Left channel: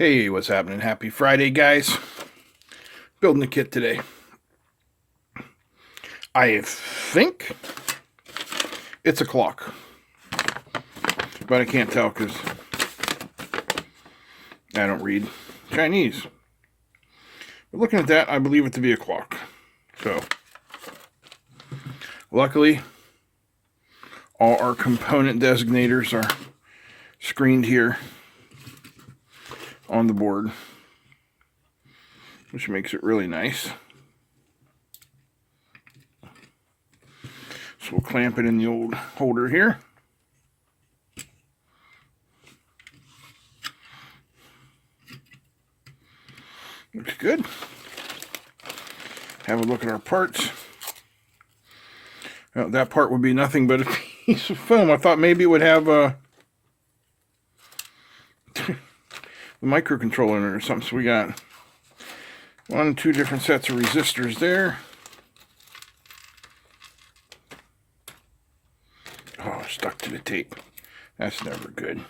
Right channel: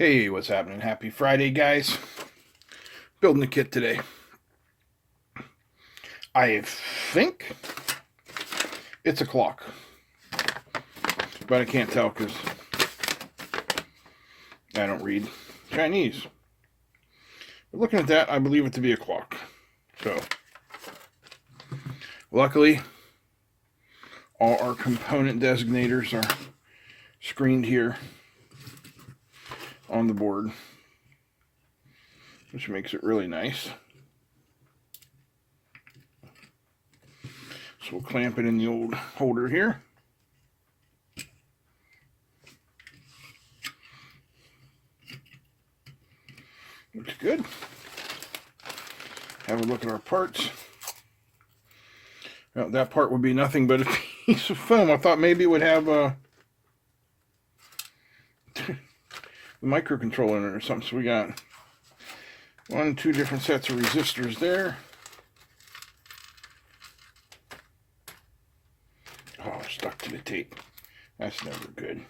Hey, what's happening? Happy Friday, guys. Building a kit today. I think it's a clock, but I can't tell because I don't read Chinese. But looking at that, I believe it to be a clock. So, luckily, all our component designators are screened here on the board, which makes it really nice. So we'll clamp it in the old holder here. Looks good. Have a look at our parts. Well, that part would be nothing but a piece of film. I thought maybe it would have a the microcontroller in it or something. So we got 1 and 2 different sets of resistors there. Oh, stuck to the tape. That's never good.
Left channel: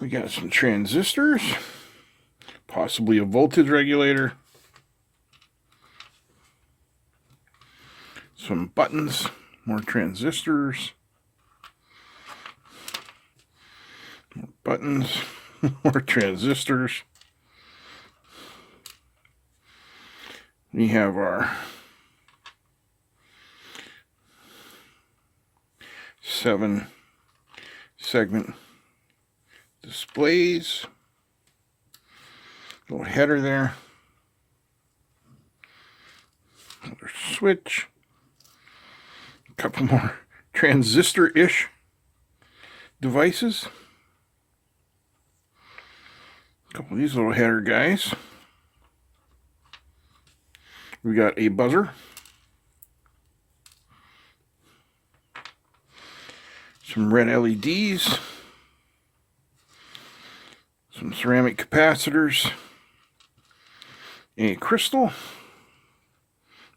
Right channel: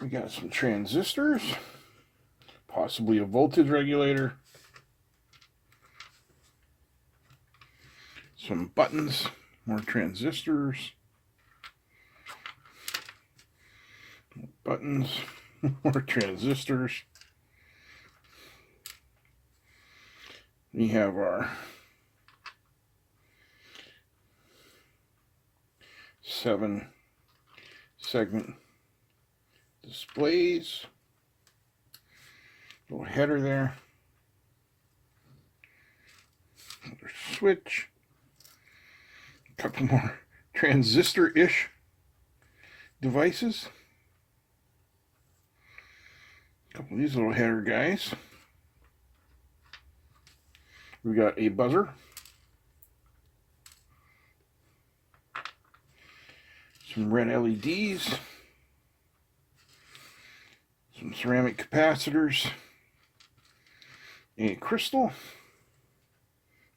We got some transistors, possibly a voltage regulator, some buttons, more transistors, more buttons, more transistors. We have our 7-segment displays, little header there, another switch, a couple more transistor-ish devices, a couple of these little header guys. We got a buzzer, some red LEDs, some ceramic capacitors, a crystal,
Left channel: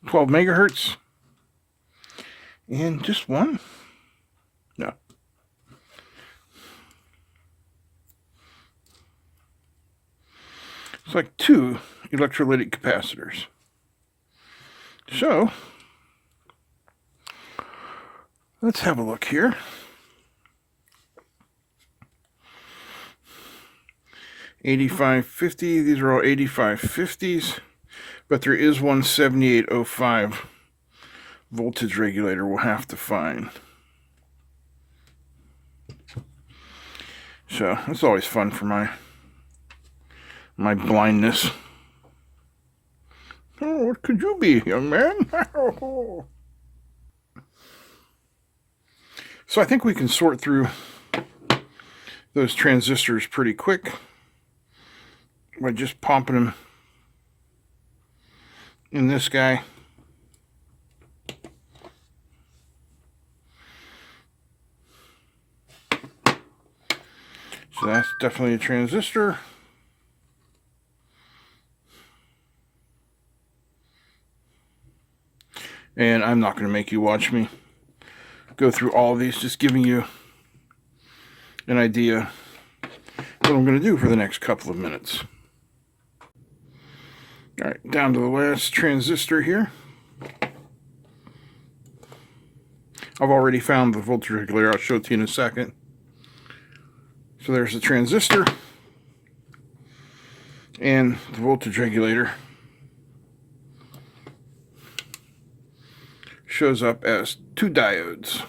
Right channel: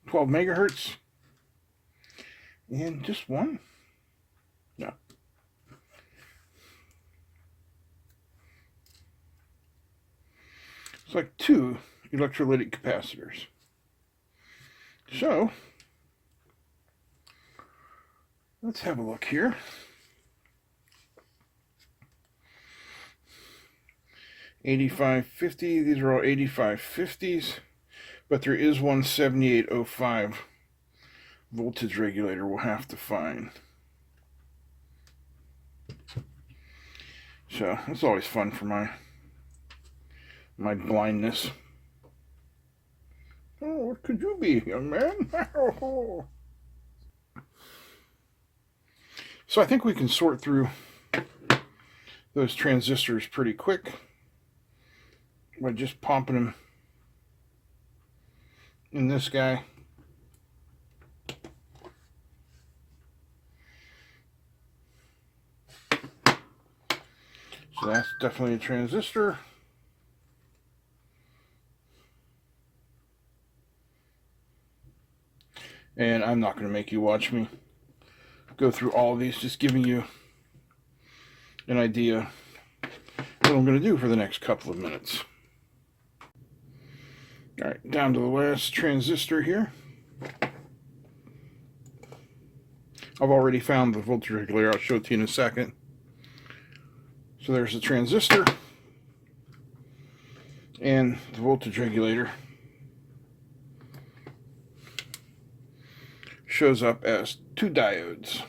12 megahertz, and just one? No. It's like 2 electrolytic capacitors. So, let's have a look here. $85.50. These are all $85.50s, but there is one 7805 voltage regulator we'll have to find. So it's always fun for my blindness. Oh, what could you be, young man? So I think we can sort through those transistors pretty quick by just pumping them in this guy. So that's definitely a transistor. And I'm not going to make you watch me go through all of these, just giving you an idea what I'm going to do for the next couple of minutes. All right, down to the last transistor here. I've already found the voltage regulator. I'll show it to you in a second. So there's the transistor and the voltage regulator. Shows up as 2 diodes.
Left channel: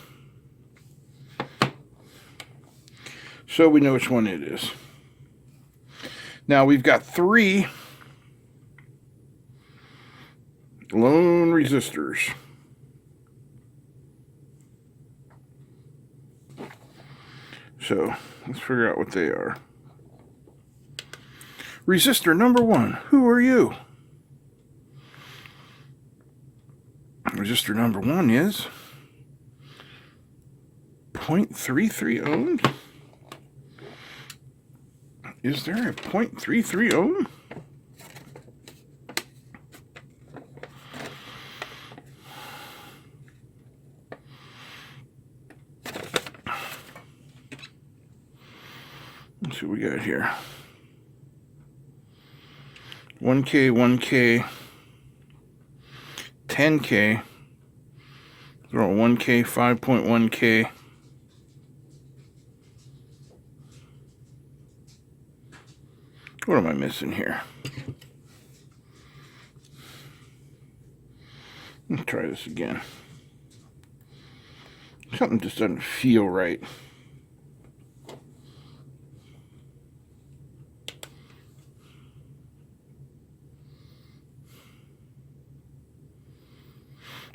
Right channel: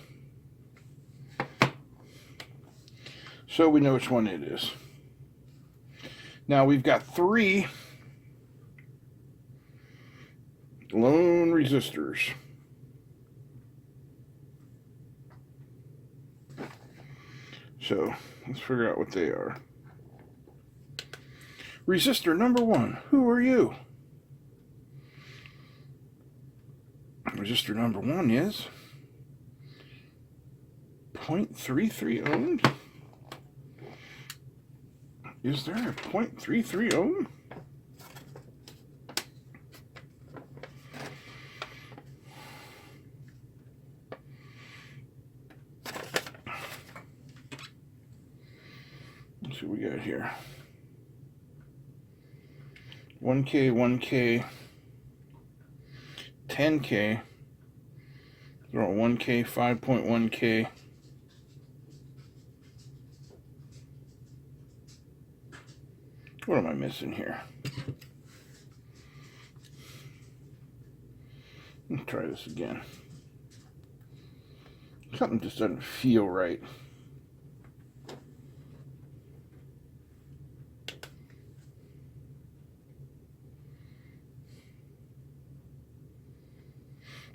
So we know which one it is. Now we've got 3 lone resistors. So let's figure out what they are. Resistor number 1, who are you? Resistor number 1 is 0.33 ohm. Is there a 0.33 ohm? Let's see what we got here. 1K, 1K, 10K, 1K, 5.1K. What am I missing here? Let's try this again. Something just doesn't feel right.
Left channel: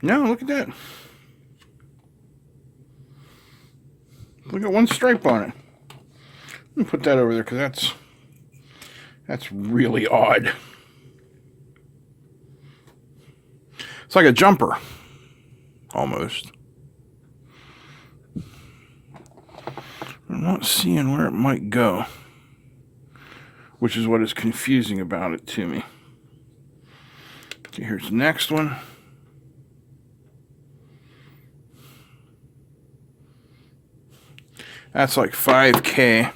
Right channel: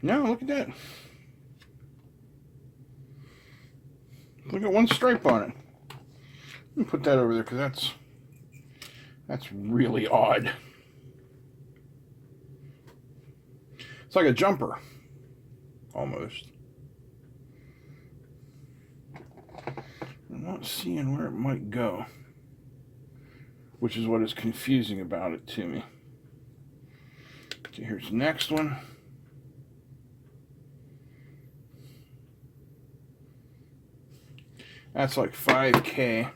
No, look at that. Look at one stripe on it. Let me put that over there because that's really odd. It's like a jumper, almost. I'm not seeing where it might go, which is what is confusing about it to me. Okay, here's the next one. That's like 5K. I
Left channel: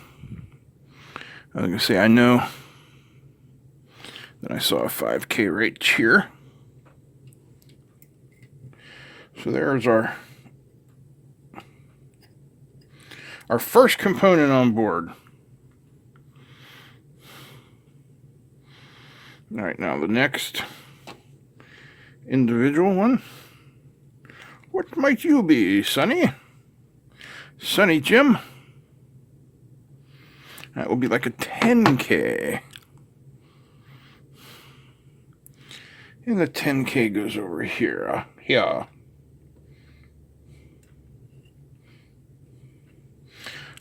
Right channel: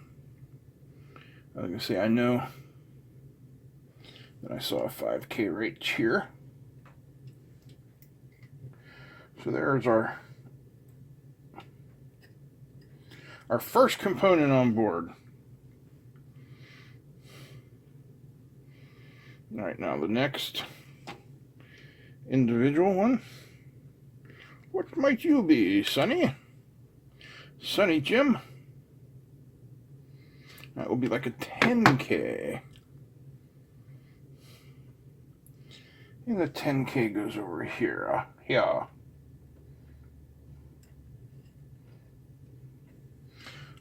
was going to say, I know that I saw a 5K right here. So there's our first component on board. All right, now the next individual one. What might you be, Sonny? Sonny Jim? That will be like a 10K. And the 10K goes over here. Here.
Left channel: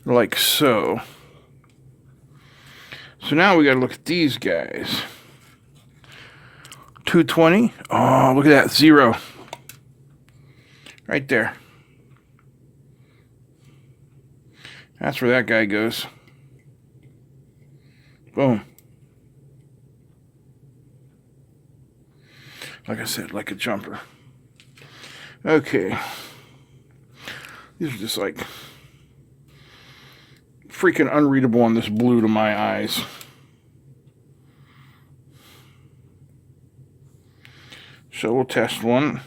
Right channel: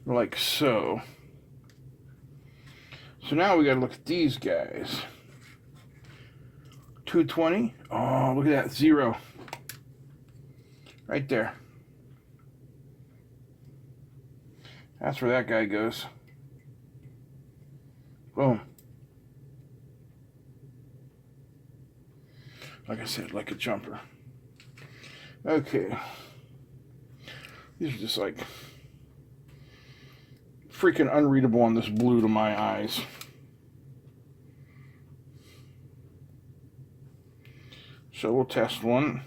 Like so. So now we got to look at these guys. 220. Oh, look at that. 0. Right there. That's where that guy goes. Boom. Like I said, like a jumper. Okay. These are just like freaking unreadable on this blue to my eyes. So we'll test one.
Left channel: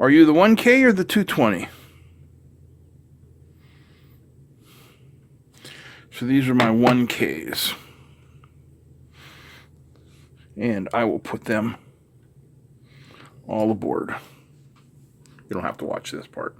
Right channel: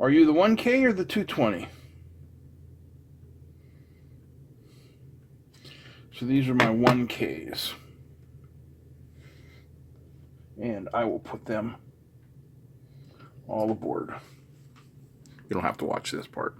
Are you the 1K or the 220? So these are my 1Ks. And I will put them all aboard. You don't have to watch this part.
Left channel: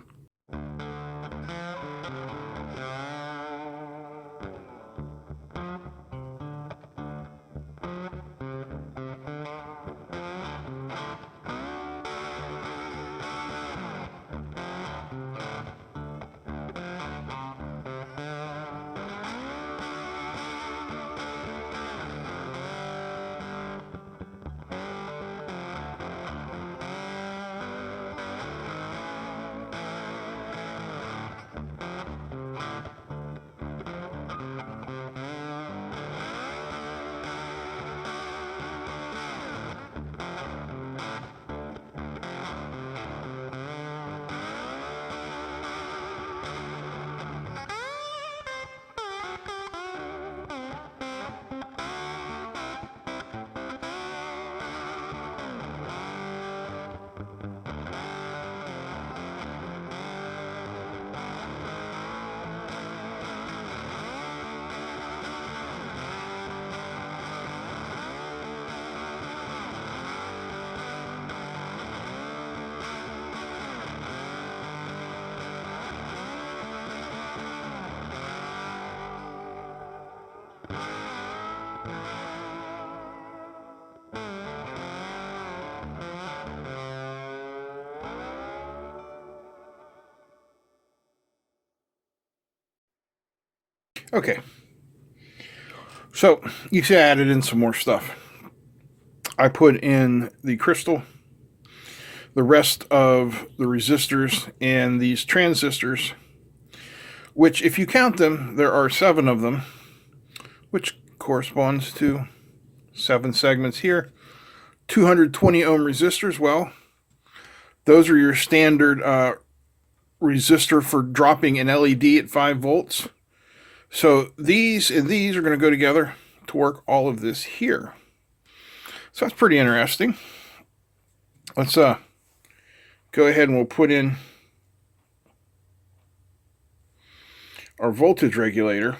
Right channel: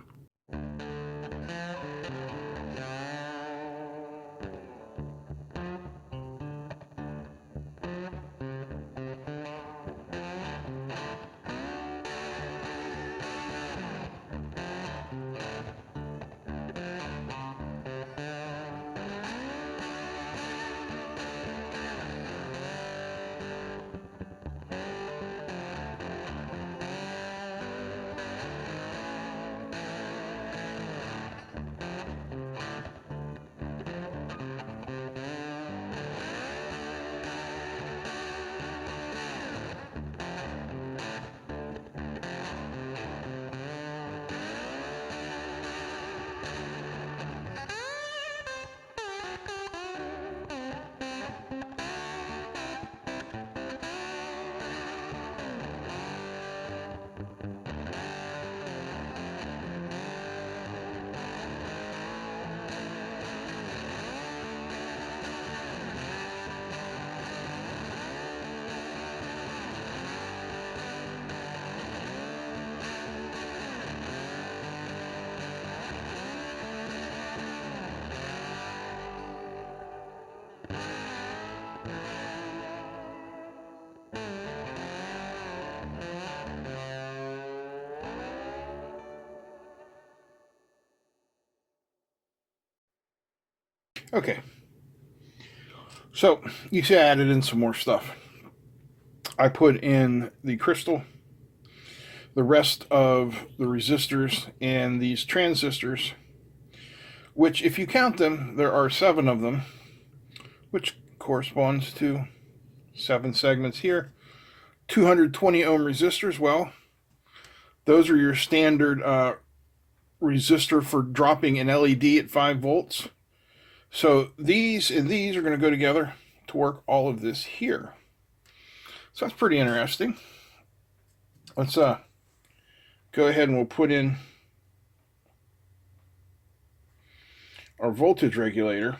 Okay, so you see I added in some more stuff. I put in the crystal, the rest of the resistors, and these transistors, which if you count them, there are 7 of them, which corresponds to 7 segments here. 220 ohm resistors, well, those are your standard resistor for dropping an LED at 5 volts. So these and these are going to go together to work all of this here. So that's pretty interesting. Let's go ahead and we'll put in our voltage regulator,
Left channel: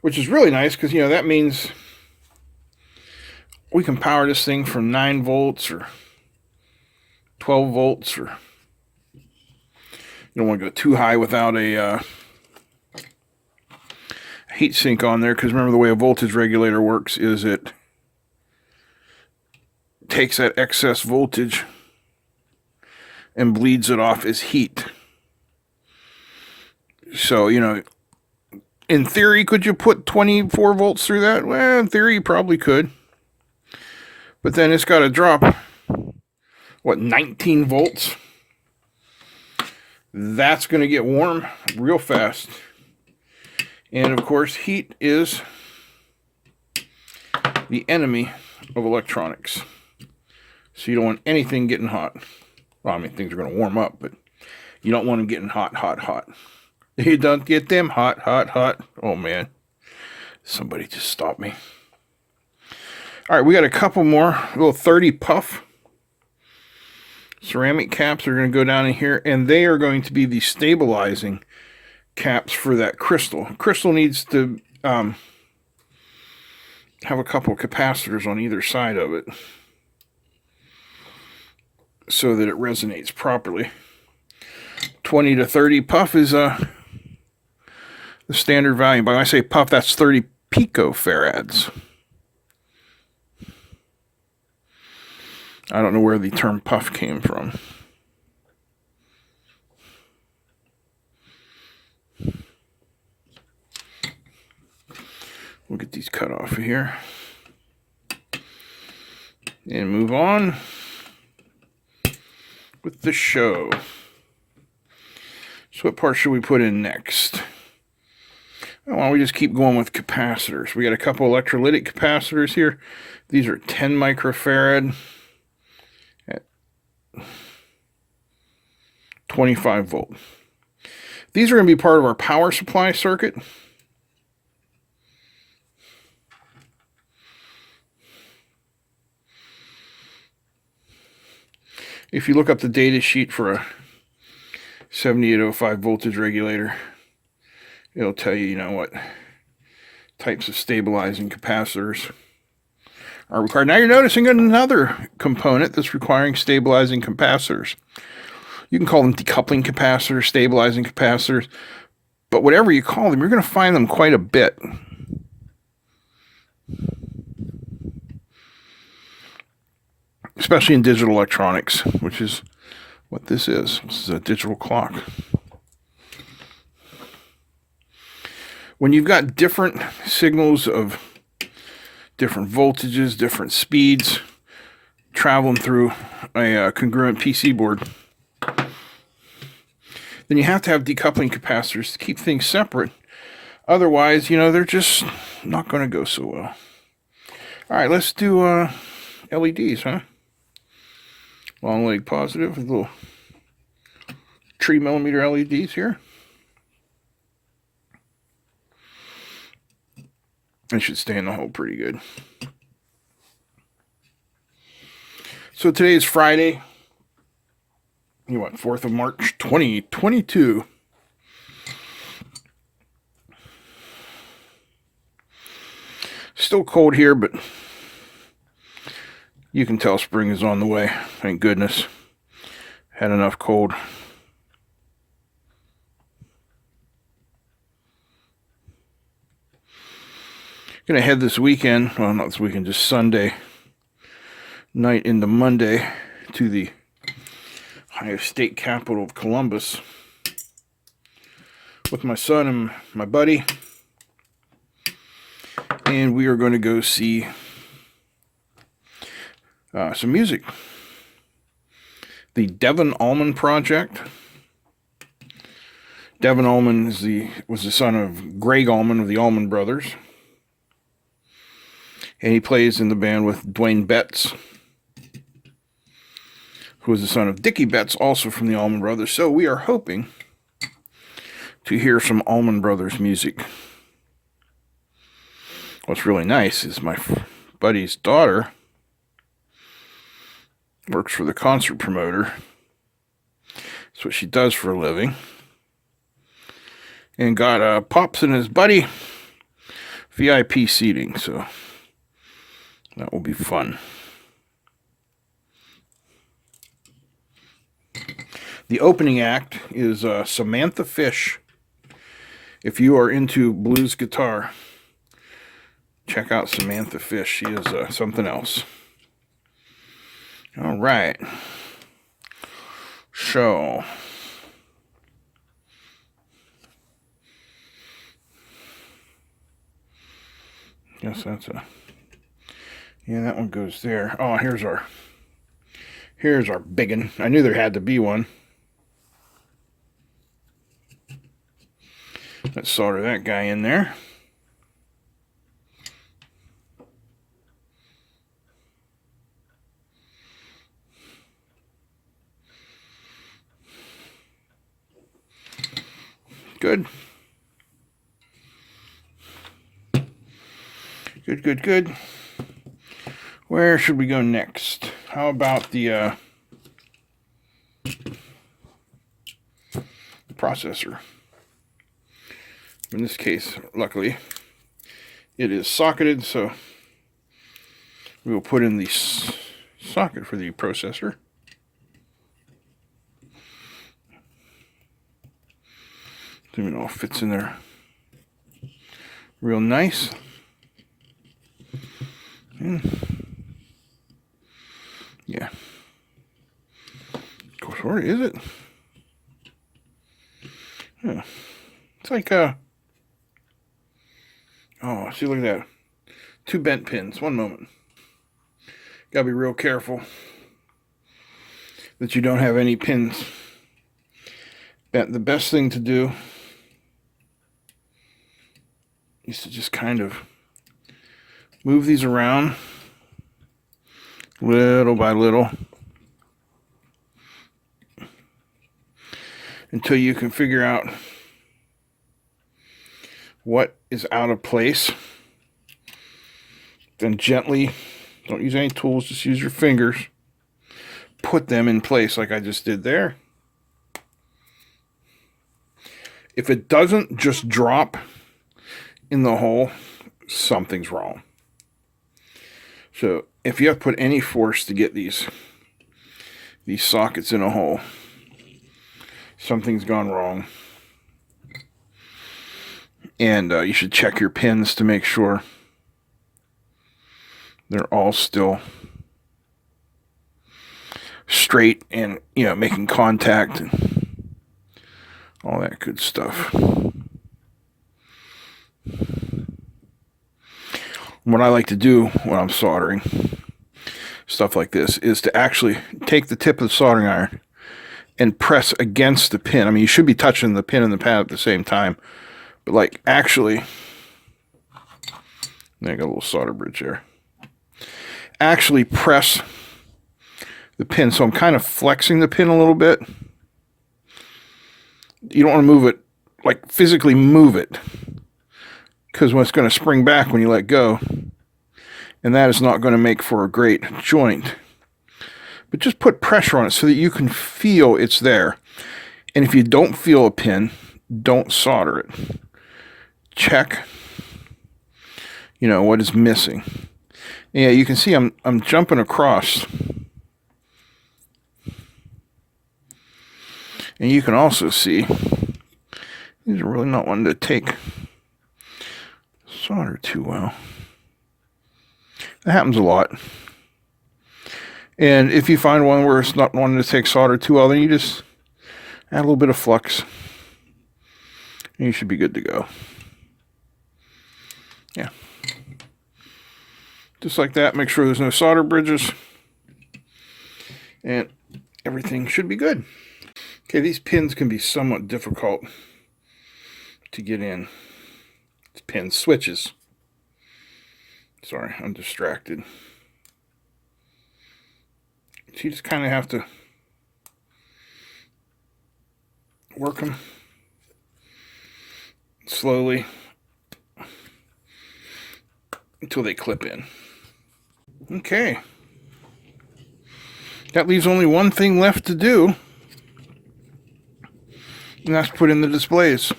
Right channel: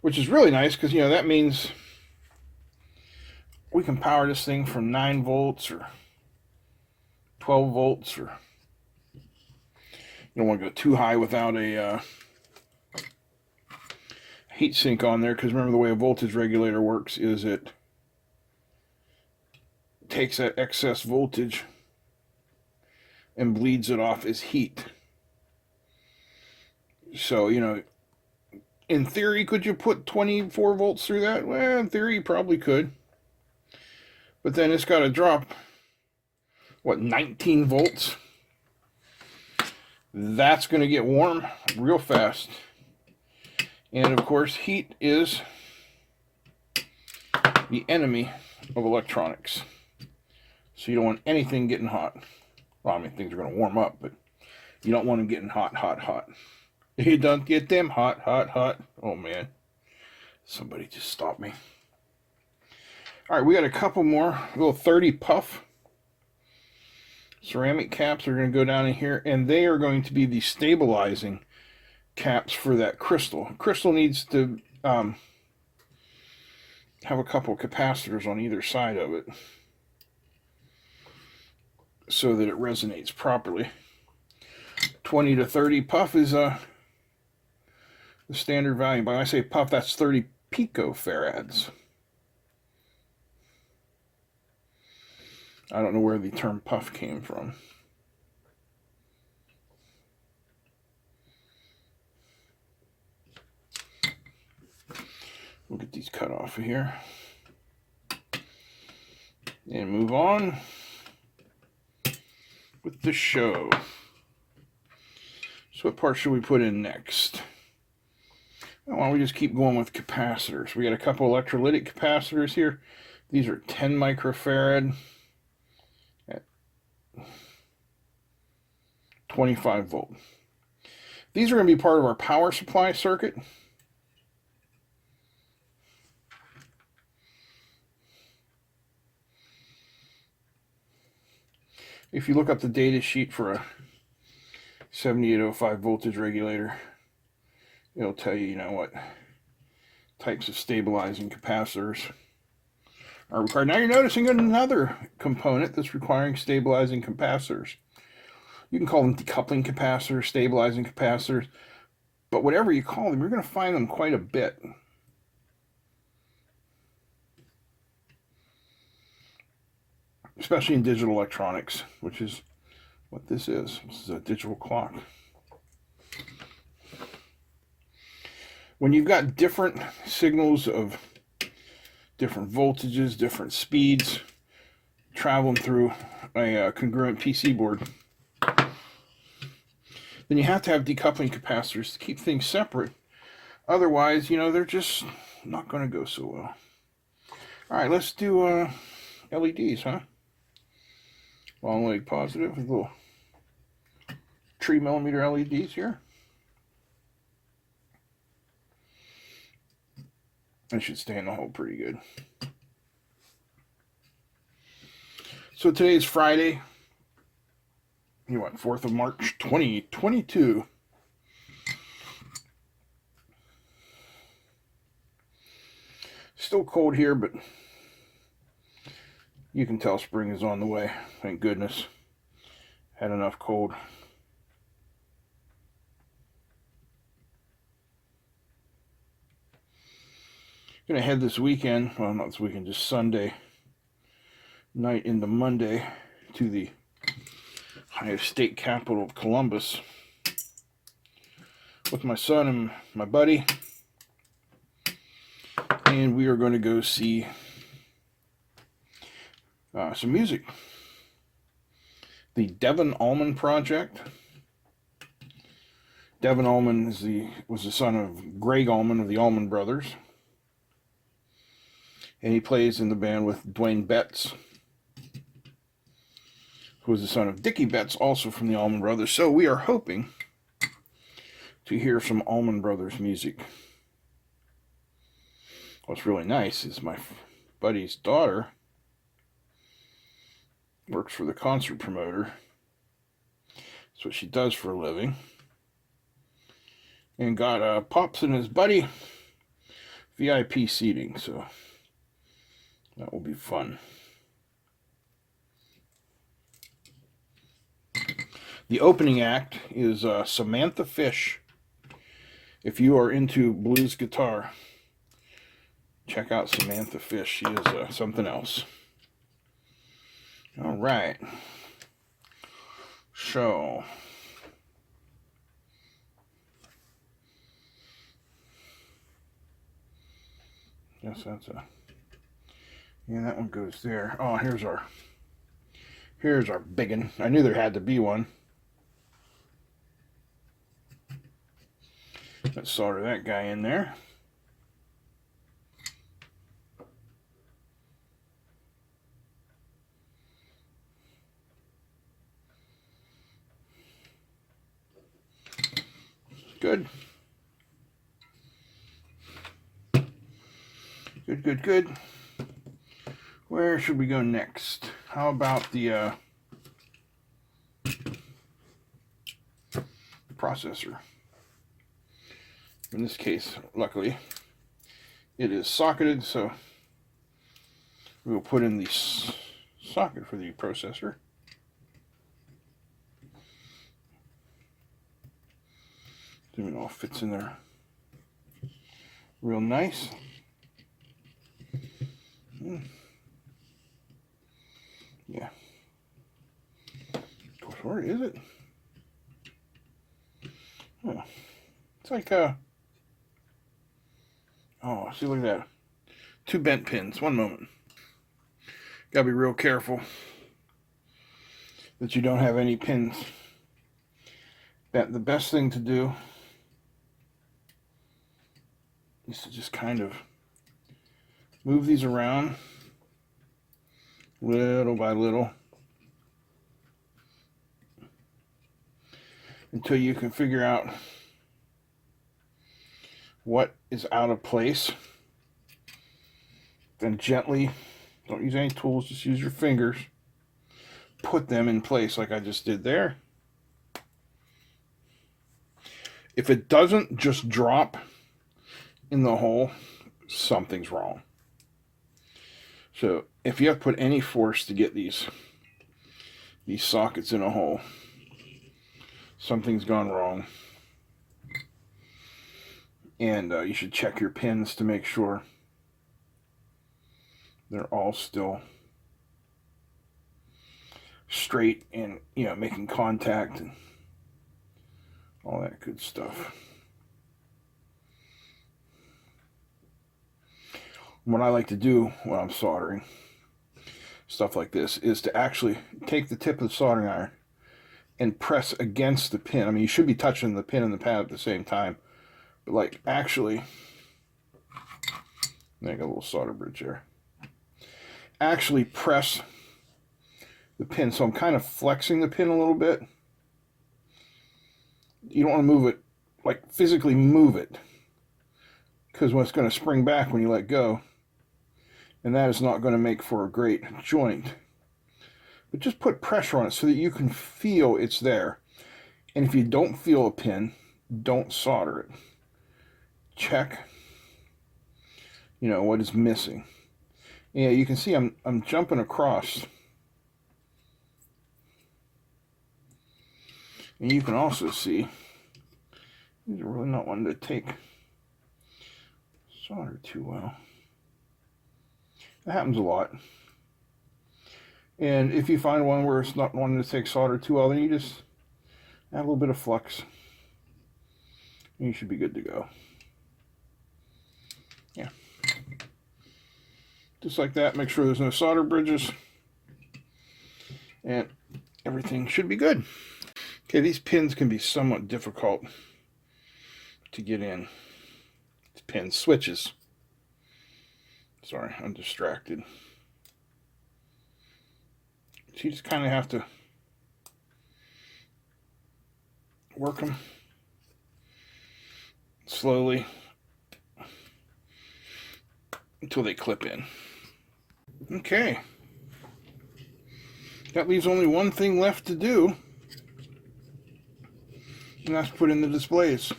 which is really nice because, you know, that means we can power this thing from 9 volts or 12 volts, or you don't want to go too high without a heat sink on there, because remember the way a voltage regulator works is it takes that excess voltage and bleeds it off as heat. So, you know, in theory, could you put 24 volts through that? Well, in theory, you probably could. But then it's got to drop, what, 19 volts? That's going to get warm real fast. And, of course, heat is the enemy of electronics. So you don't want anything getting hot. Well, I mean, things are going to warm up, but you don't want them getting hot, hot, hot. You don't get them hot, hot, hot. Oh, man. Somebody just stop me. All right, we got a couple more. A little 30 puff ceramic caps are going to go down in here, and they are going to be the stabilizing caps for that crystal. Crystal needs to have a couple capacitors on either side of it so that it resonates properly. 20 to 30 puff is the standard value. But when I say puff, that's 30 picofarads. I don't know where the term puff came from. We'll get these cut off of here and move on with the show. So what part should we put in next? Why don't we just keep going with capacitors? We got a couple electrolytic capacitors here. These are 10 microfarad at 25 volt. These are going to be part of our power supply circuit. If you look up the data sheet for a 7805 voltage regulator, it'll tell you, you know, what types of stabilizing capacitors are required. Now you're noticing another component that's requiring stabilizing capacitors. You can call them decoupling capacitors, stabilizing capacitors, but whatever you call them, you're going to find them quite a bit. Especially in digital electronics, which is what this is. This is a digital clock. When you've got different signals of different voltages, different speeds, traveling through a congruent PC board, then you have to have decoupling capacitors to keep things separate. Otherwise, you know, they're just not going to go so well. All right, let's do LEDs, huh? Long leg positive, little 3mm LEDs here. It should stay in the hole pretty good. So today is Friday. You want 4th of March, 2022. Still cold here, but you can tell spring is on the way. Thank goodness. Had enough cold. Gonna head this weekend, well, not this weekend, just Sunday night into Monday to the Ohio State capital of Columbus with my son and my buddy. And we are going to go see some music. The Devon Allman Project. Devon Allman was the son of Greg Allman of the Allman Brothers. And he plays in the band with Dwayne Betts. who is the son of Dickie Betts, also from the Allman Brothers. So we are hoping to hear some Allman Brothers music. What's really nice is my buddy's daughter works for the concert promoter. That's what she does for a living. And got Pops and his buddy VIP seating, so that will be fun. The opening act is Samantha Fish. If you are into blues guitar, check out Samantha Fish. She is something else. All right. So, guess that's yeah, that one goes there. Oh, here's our big one. I knew there had to be one. Let's solder that guy in there. Good. Good. Where should we go next? How about the processor? In this case, luckily, it is socketed, so we will put in the socket for the processor. So it all fits in there real nice. Yeah. Of course, where is it? Yeah. It's like oh, see, look at that. 2 bent pins. One moment. Gotta be real careful that you don't have any pins bent. The best thing to do is to just kind of move these around little by little until you can figure out what is out of place. Then gently, don't use any tools, just use your fingers, put them in place like I just did there. If it doesn't just drop in the hole, something's wrong. So if you have to put any force to get these sockets in a hole, something's gone wrong. And you should check your pins to make sure they're all still straight and, making contact and all that good stuff. What I like to do when I'm soldering stuff like this is to actually take the tip of the soldering iron and press against the pin. I mean, you should be touching the pin and the pad at the same time, but like actually, I got a little solder bridge there. Actually press the pin. So I'm kind of flexing the pin a little bit. You don't want to move it, like physically move it, because when it's going to spring back when you let go, and that is not going to make for a great joint. But just put pressure on it so that you can feel it's there. And if you don't feel a pin, don't solder it. Check, what is missing. Yeah, you can see I'm jumping across. And you can also see these are really not wanting to take solder too well. That happens a lot. And if you find one where it's not wanting to take solder too well, then you just add a little bit of flux. And you should be good to go. Yeah. Just like that, make sure there's no solder bridges. And everything should be good. Okay, these pins can be somewhat difficult to get in. It's pin switches. Sorry, I'm distracted. So you just kind of have to work them slowly until they clip in. Okay. That leaves only one thing left to do, and that's put in the displays.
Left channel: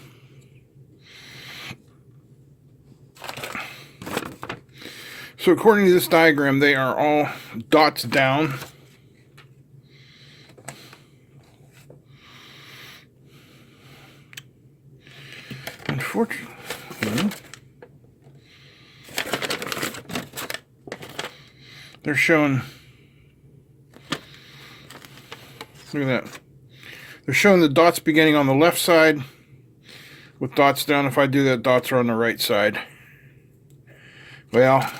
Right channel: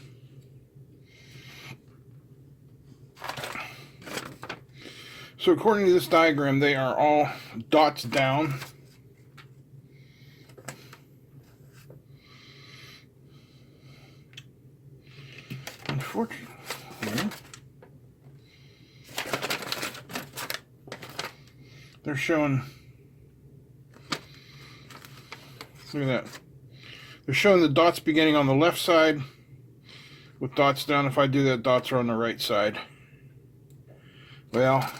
So according to this diagram, they are all dots down. Unfortunately, they're showing, look at that. They're showing the dots beginning on the left side with dots down. If I do that, dots are on the right side. Well,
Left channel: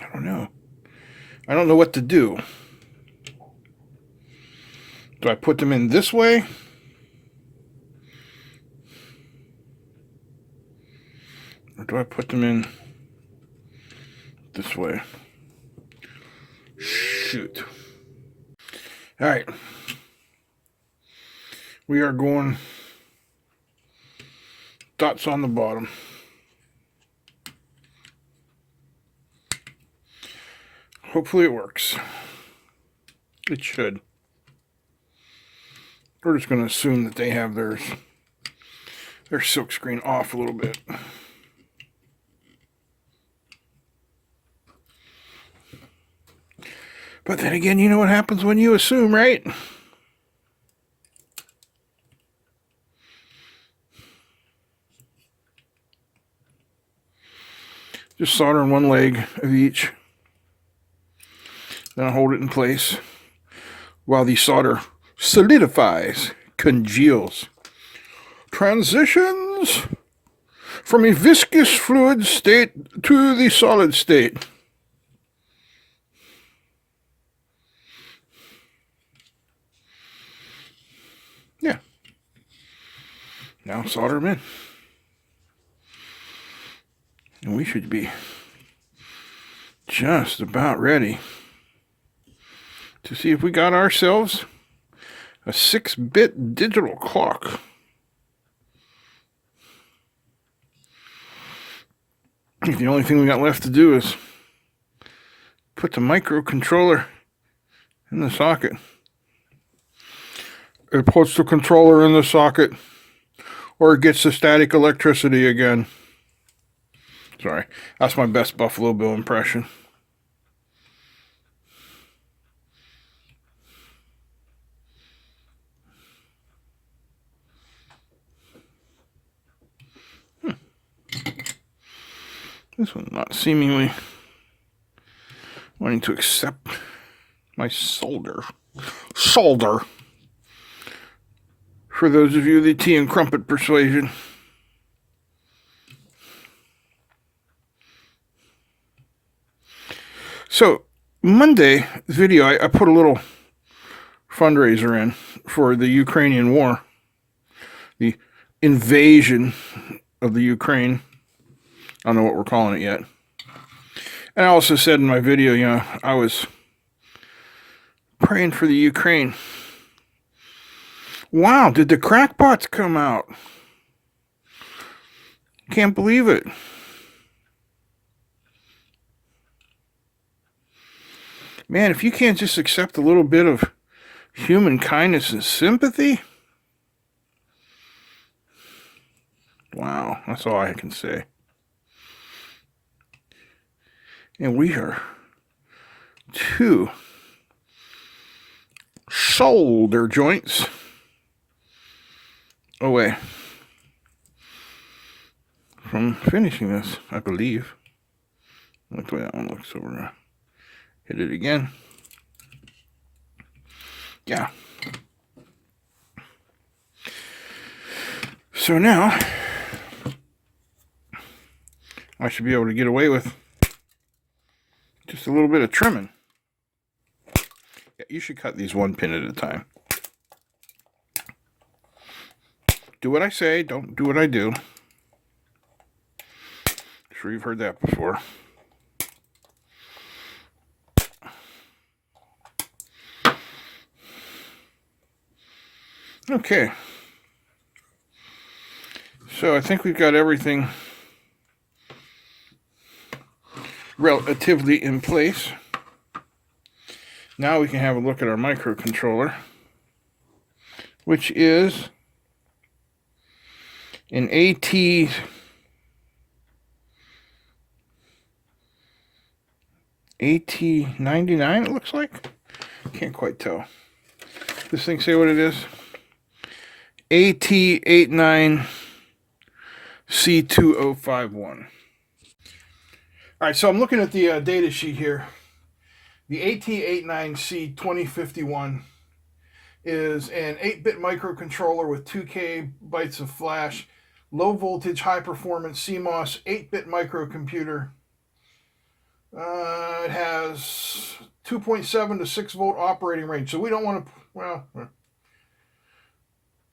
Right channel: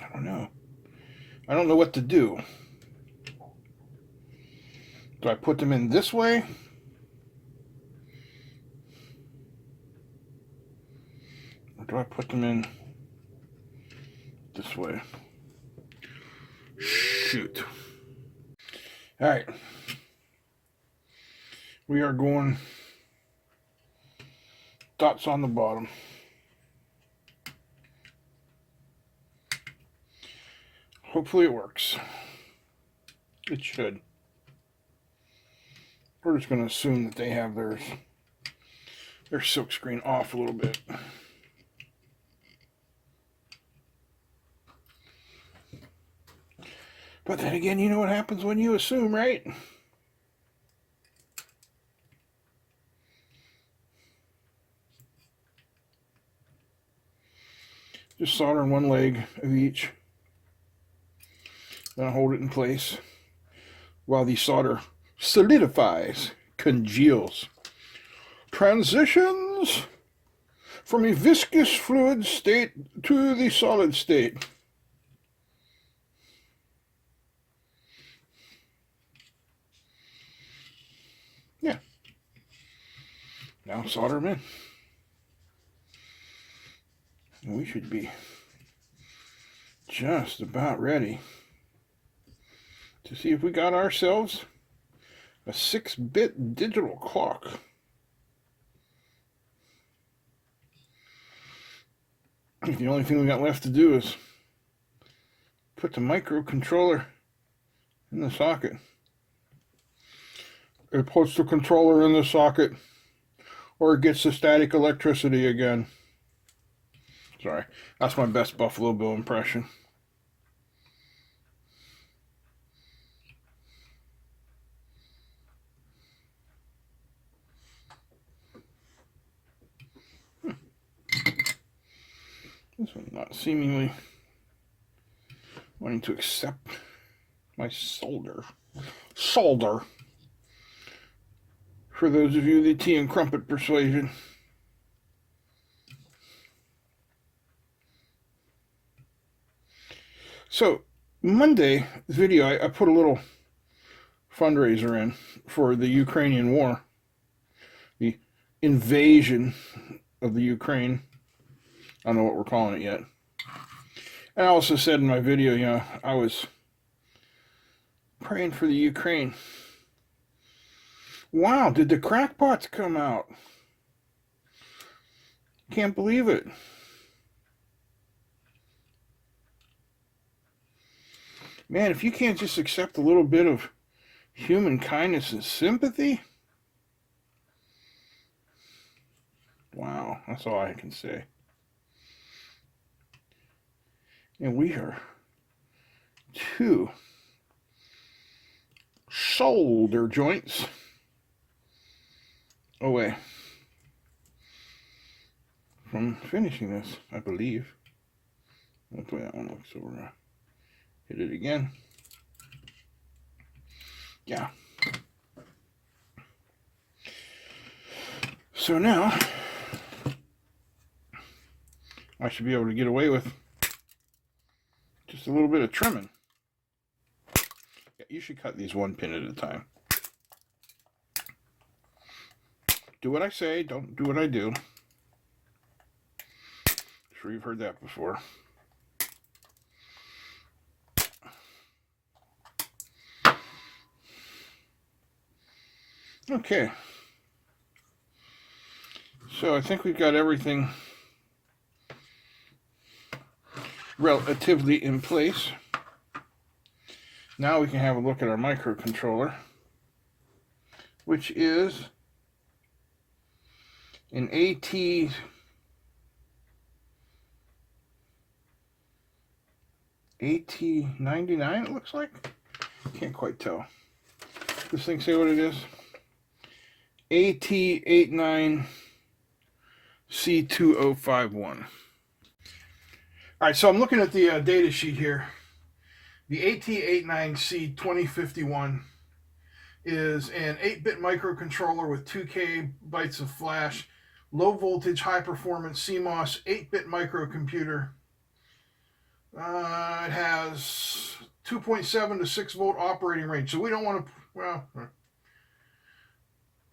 I don't know. I don't know what to do. Do I put them in this way? Or do I put them in this way? Shoot. All right. We are going dots on the bottom. Hopefully it works. It should. We're just going to assume that they have their silk screen off a little bit. But then again, you know what happens when you assume, right? Just solder on one leg of each. Then I hold it in place while the solder solidifies, congeals, transitions from a viscous fluid state to the solid state. Yeah. Now solder them in. And we should be just about ready to see if we got ourselves a 6-bit digital clock. The only thing we got left to do is put the microcontroller in the socket. It puts the controller in the socket, or it gets the static electricity again. Sorry, that's my best Buffalo Bill impression. This one not seemingly wanting to accept my solder. For those of you of the tea and crumpet persuasion. So, Monday video, I put a little fundraiser in for the Ukrainian war. The invasion of the Ukraine. I don't know what we're calling it yet. And I also said in my video, you know, I was praying for the Ukraine. Wow, did the crackpots come out? Can't believe it. Man, if you can't just accept a little bit of human kindness and sympathy, wow, that's all I can say. And we are two solder joints away from finishing this, I believe. Look the way that one looks. So we're going to hit it again. Yeah. So now I should be able to get away with just a little bit of trimming. Yeah, you should cut these one pin at a time. Do what I say, don't do what I do. I'm sure you've heard that before. Okay. So I think we've got everything relatively in place. Now we can have a look at our microcontroller, which is an AT99, it looks like. Can't quite tell. This thing say what it is? AT89C2051. All right, so I'm looking at the data sheet here. The AT89C2051 is an 8-bit microcontroller with 2K bytes of flash, low voltage, high performance CMOS 8-bit microcomputer. It has 2.7 to 6 volt operating range, so we don't want to, well,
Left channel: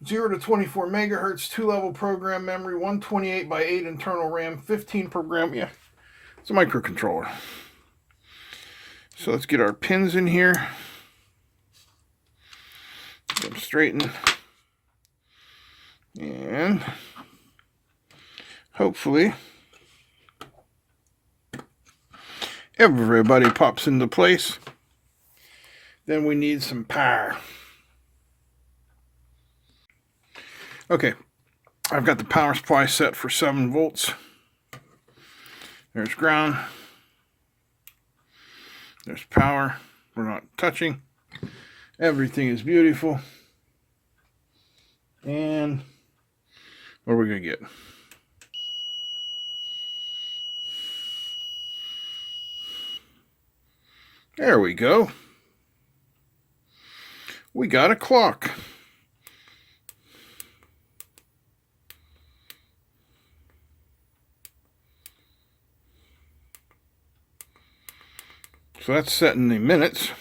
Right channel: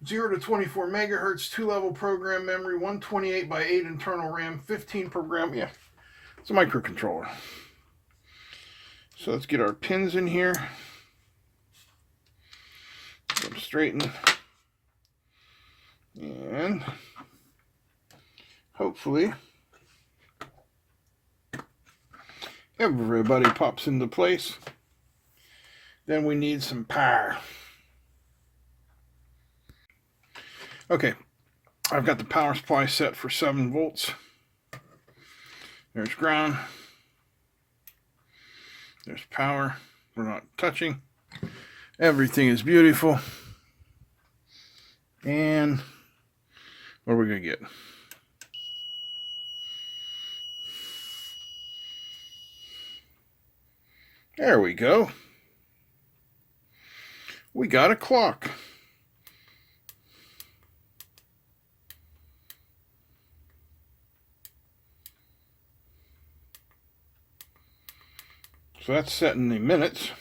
0 to 24 megahertz, 2-level program memory, 128 by 8 internal RAM, 15 program. Yeah, it's a microcontroller. So let's get our pins in here. Get them straightened. And hopefully everybody pops into place. Then we need some power. Okay, I've got the power supply set for 7 volts. There's ground. There's power. We're not touching. Everything is beautiful. And what are we going to get? There we go. We got a clock. So that's set in the minutes.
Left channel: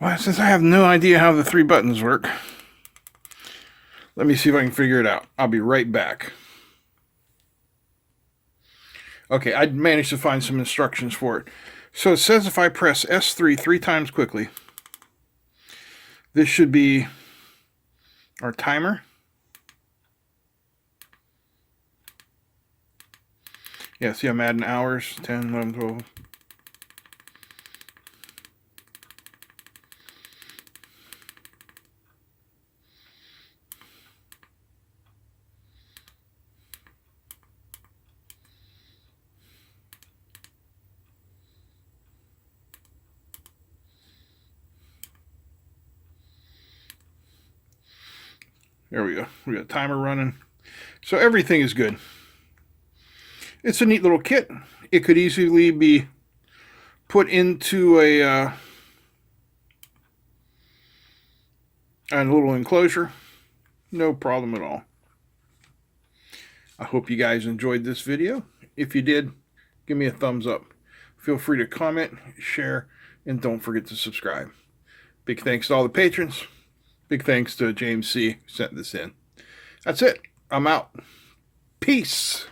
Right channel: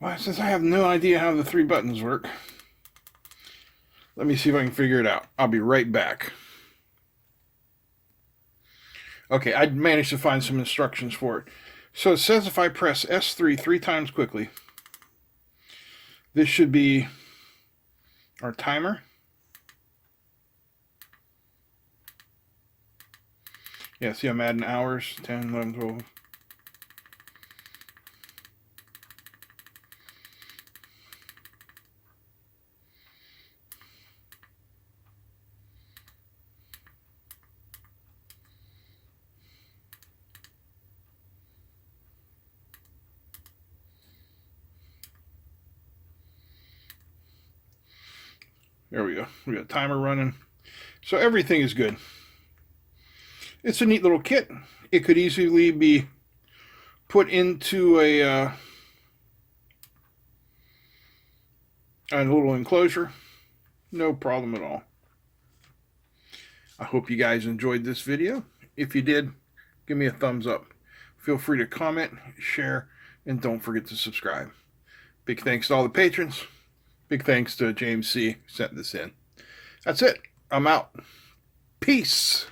Well, since I have no idea how the 3 buttons work, let me see if I can figure it out. I'll be right back. Okay, I managed to find some instructions for it. So it says if I press S3 3 times quickly, this should be our timer. Yeah, see I'm adding hours, 10, 11, 12. There we go. We got a timer running. So everything is good. It's a neat little kit. It could easily be put into a little enclosure. No problem at all. I hope you guys enjoyed this video. If you did, give me a thumbs up. Feel free to comment, share, and don't forget to subscribe. Big thanks to all the patrons. Big thanks to James C. who sent this in. That's it. I'm out. Peace.